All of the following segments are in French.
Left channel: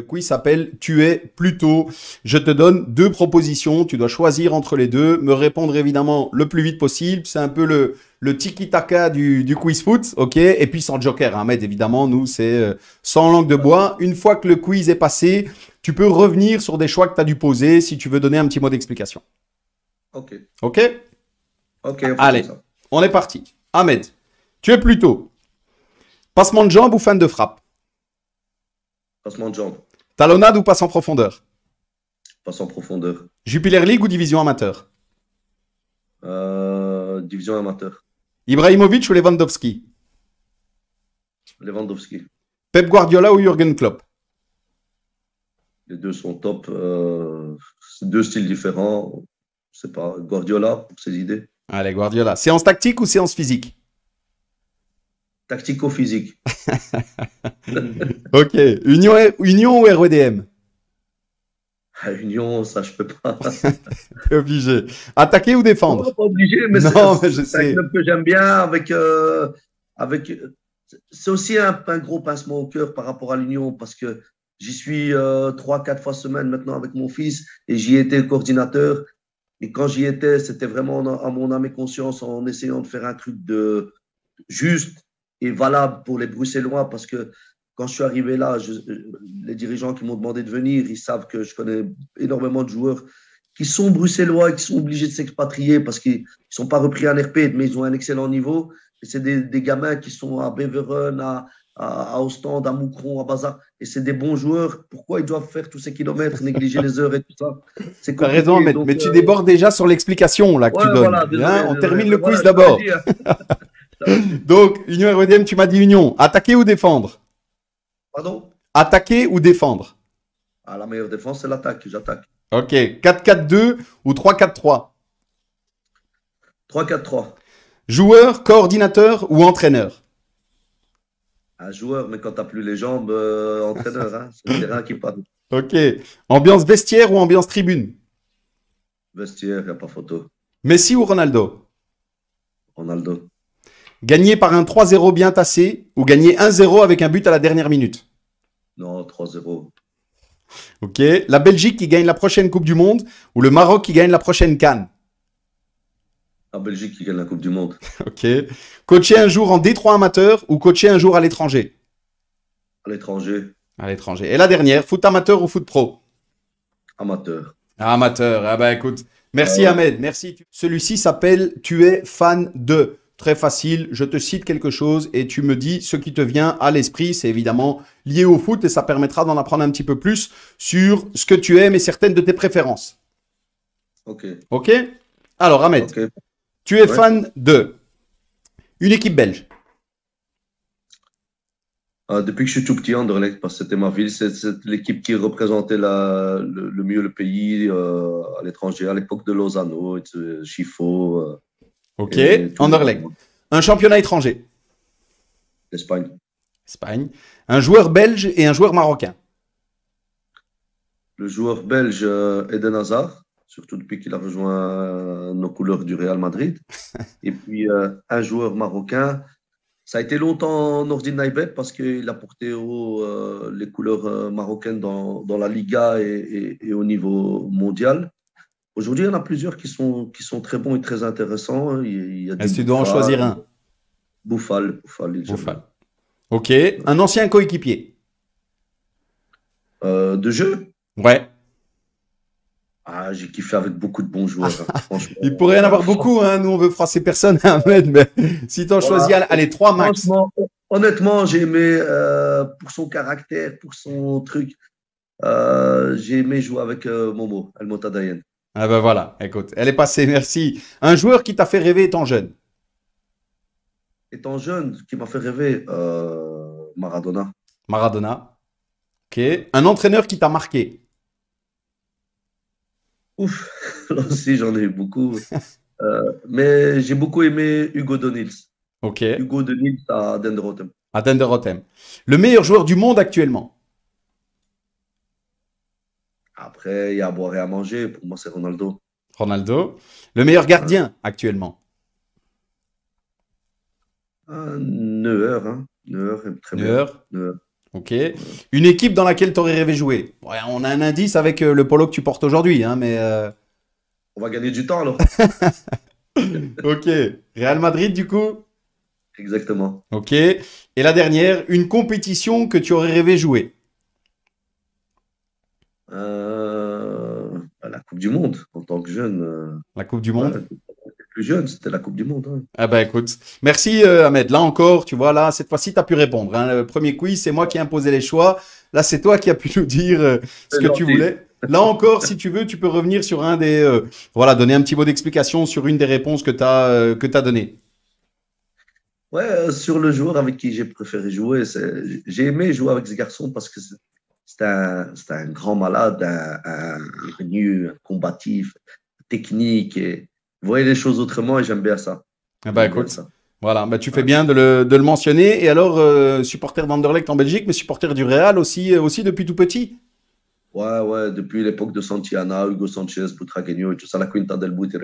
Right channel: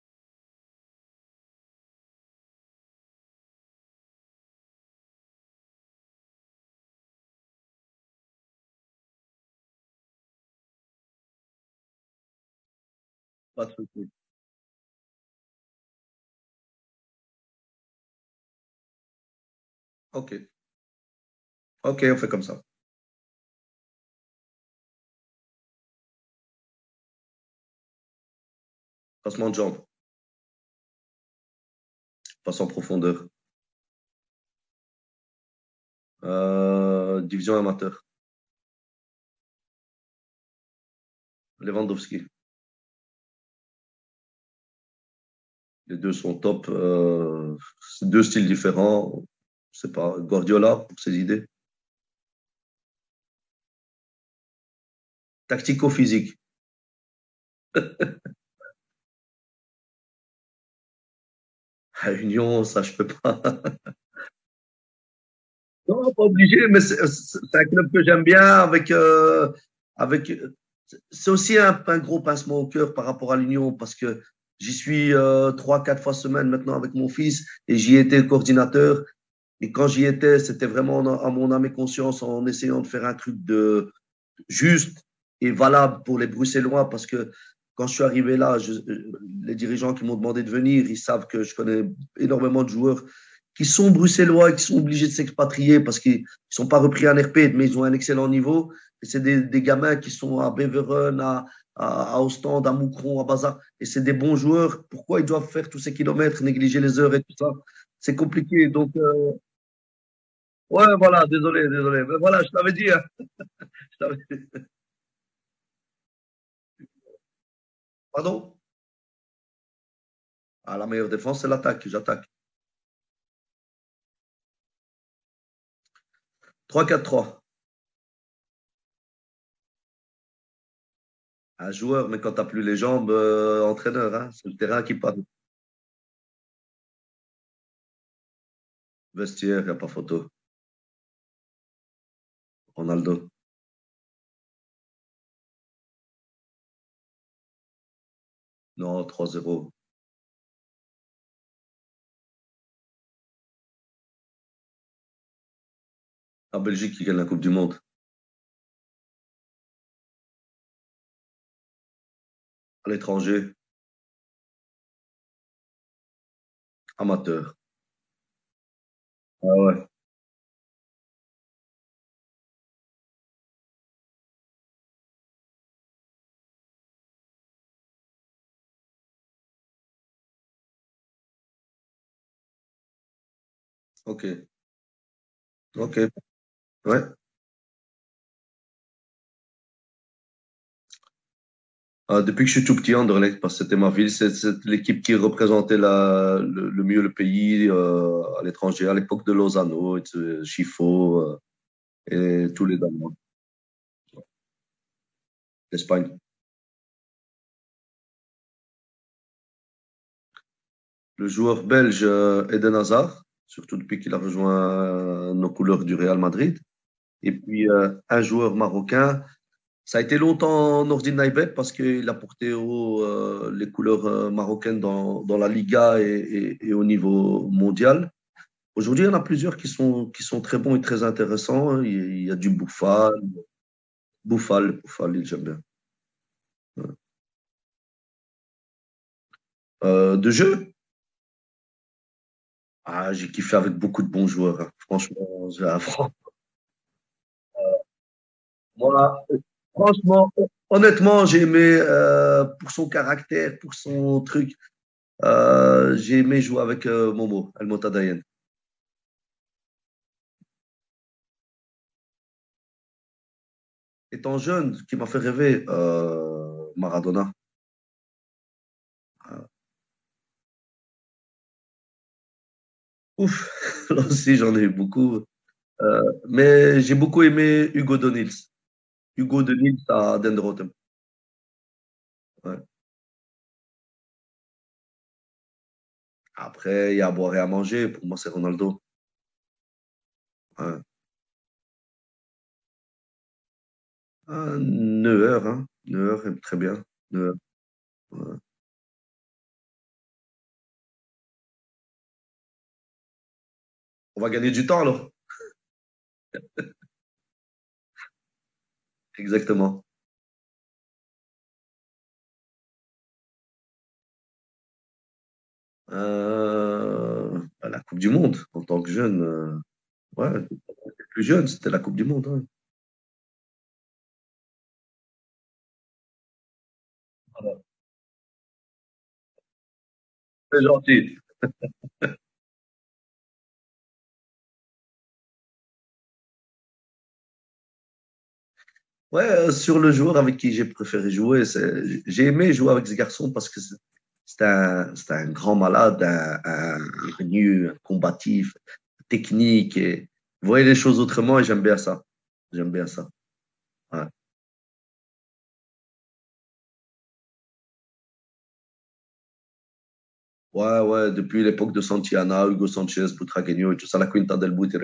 Le quiz s'appelle Tu es plutôt. Je te donne deux propositions. Tu dois choisir entre les deux. Me répondre évidemment le plus vite possible. C'est un peu le tiki-taka du quiz foot. OK? Et puis sans joker, Ahmed, évidemment. Nous, c'est sans langue de Pas de bois. souci. Une fois que le quiz est passé, tu peux revenir sur des choix que tu as dû poser si tu veux donner un petit mot d'explication. Ok, OK? ok, on fait comme Allez, ça. on est parti. Ahmed, tu es plutôt passement de jambe ou fin de frappe? Passement de jambes, Talonnade ou passe en profondeur? passe en profondeur. Jupiler League ou division amateur? Division amateur. Ibrahimovic ou Lewandowski? Lewandowski. Pep Guardiola ou Jürgen Klopp? Les deux sont top. C'est deux styles différents. C'est pas Guardiola pour ses idées. Allez, Guardiola. Séance tactique ou séance physique? Tactico-physique. Ok. Union ou REDM? À Union, ça, je peux pas. T'es obligé. Attaquer ou défendre? Non, pas obligé, mais Non, mais je c'est un sais. club que j'aime bien avec. C'est aussi un gros pincement au cœur par rapport à l'Union parce que j'y suis 3, 4 fois semaine maintenant avec mon fils et j'y étais coordinateur. Et quand j'y étais, c'était vraiment à mon âme et conscience en essayant de faire un truc de juste et valable pour les Bruxellois parce que quand je suis arrivé là, les dirigeants qui m'ont demandé de venir, ils savent que je connais énormément de joueurs qui sont bruxellois et qui sont obligés de s'expatrier parce qu'ils ne sont pas repris en RP, mais ils ont un excellent niveau. Et c'est des gamins qui sont à Beveren, à Ostende, à Moucron, à Baza. Et c'est des bons joueurs. Pourquoi ils doivent faire tous ces kilomètres, négliger les heures et tout ça? C'est T'as raison, compliqué. Ahmed. Donc, Mais tu débordes déjà sur l'explication là que ouais, tu donnes. voilà, désolé, Hein, on désolé. termine Mais le quiz voilà, je t'avais d'abord. dit, hein. Je t'avais dit. Donc, Union REDM, tu m'as dit Union. Attaquer ou défendre? Pardon? Attaquer ou défendre? Ah, la meilleure défense, c'est l'attaque. J'attaque. Ok. 4-4-2 ou 3-4-3? 3-4-3. Joueur, coordinateur ou entraîneur? Un joueur, mais quand tu n'as plus les jambes, entraîneur, hein, c'est le terrain qui parle. Ok. Ambiance vestiaire ou ambiance tribune? Vestiaire, il n'y a pas photo. Messi ou Ronaldo? Ronaldo. Gagner par un 3-0 bien tassé ou gagner 1-0 avec un but à la dernière minute? Non, 3-0. Ok. La Belgique qui gagne la prochaine Coupe du Monde ou le Maroc qui gagne la prochaine Cannes? La Belgique qui gagne la Coupe du Monde. Ok. Coacher un jour en D3 amateur ou coacher un jour à l'étranger? À l'étranger, À l'étranger. Et la dernière, foot amateur ou foot pro? amateur. Amateur. Ah bah écoute, Ah merci ouais. Ahmed, merci. Celui-ci s'appelle Tu es fan de. Très facile, je te cite quelque chose et tu me dis ce qui te vient à l'esprit. C'est évidemment lié au foot et ça permettra d'en apprendre un petit peu plus sur ce que tu aimes et certaines de tes préférences. Ok. Ok? Alors Ahmed, Ok. tu es Ouais. fan de une équipe belge. Depuis que je suis tout petit, Anderlecht, parce que c'était ma ville, c'est l'équipe qui représentait le mieux le pays à l'étranger, à l'époque de Lozano, Chifo Ok? et tous les Anderlecht. Allemands. Un championnat étranger. L'Espagne. Espagne. Un joueur belge et un joueur marocain. Le joueur belge Eden Hazard, surtout depuis qu'il a rejoint nos couleurs du Real Madrid. Et puis un joueur marocain. Ça a été longtemps Nordin Naibet parce qu'il a porté haut les couleurs marocaines dans la Liga et au niveau mondial. Aujourd'hui, il y en a plusieurs qui sont très bons et très intéressants. Il y a Et du si tu dois en Bouffal. choisir un. Bouffal, j'aime Bouffal. bien. Ok. Un ancien coéquipier. De jeu, Ouais. j'ai kiffé avec beaucoup de bons joueurs, hein. Il Franchement, pourrait y en avoir beaucoup, hein. Nous, on veut froisser personne, Ahmed, mais si tu en choisis, voilà. allez, trois max. Franchement, honnêtement, j'ai aimé pour son caractère, pour son truc. J'ai aimé jouer avec Momo, El Motadayen. Ah ben voilà, écoute, elle est passée, merci. Un joueur qui t'a fait rêver étant jeune. Étant jeune, ce qui m'a fait rêver, Maradona. Maradona. Ok. Un entraîneur qui t'a marqué. Ouf, là aussi j'en ai eu beaucoup. Mais j'ai beaucoup aimé Hugo Donils. Ok. Hugo Donils à Denderothem. À Rotem. Le meilleur joueur du monde actuellement. Après, il y a à boire et à manger. Pour moi, c'est Ronaldo. Ronaldo. Le meilleur Ouais. gardien actuellement. Neuer, hein. Neuer est très bien. Neuer. Neuer. Ok. Une équipe dans laquelle tu aurais rêvé jouer. Ouais, on a un indice avec le polo que tu portes aujourd'hui, hein, mais On va gagner du temps alors. ok. Real Madrid, du coup? Exactement. Ok. Et la dernière, une compétition que tu aurais rêvé jouer. La Coupe du Monde, en tant que jeune. La Coupe du Ouais, Monde? plus jeune, c'était la Coupe du Monde. Ouais. Ah ben écoute, merci Ahmed. Là encore, tu vois, là, cette fois-ci, tu as pu répondre, hein. Le premier quiz, c'est moi qui ai imposé les choix. Là, c'est toi qui as pu nous dire ce C'est que tu gentil. voulais. Là encore, si tu veux, tu peux revenir sur un des... voilà, donner un petit mot d'explication sur une des réponses que tu données. Ouais, sur le joueur avec qui j'ai préféré jouer, j'ai aimé jouer avec ce garçon parce que c'était un grand malade, un renu, un combatif, technique. Et, il voyait les choses autrement et j'aime bien ça. Ah bah J'aime bien écoute, ça. voilà, bah, tu fais Ouais. bien de le mentionner. Et alors, supporter d'Anderlecht en Belgique, mais supporter du Real aussi, aussi depuis tout petit. Ouais, ouais, depuis l'époque de Santiana, Hugo Sanchez, Butragueño et tout ça, la Quinta del Buitre.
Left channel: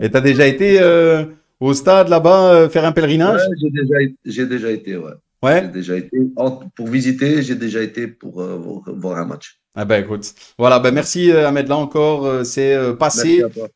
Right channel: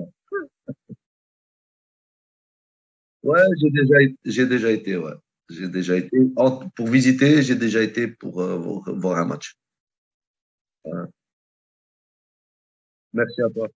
Et tu as déjà été au stade là-bas faire un Ouais, pèlerinage? j'ai déjà été, ouais. J'ai Ouais. déjà été. Pour visiter, j'ai déjà été pour voir un match. Ah bah écoute, voilà, bah Ouais. merci Ahmed, là encore, c'est Merci passé. à toi.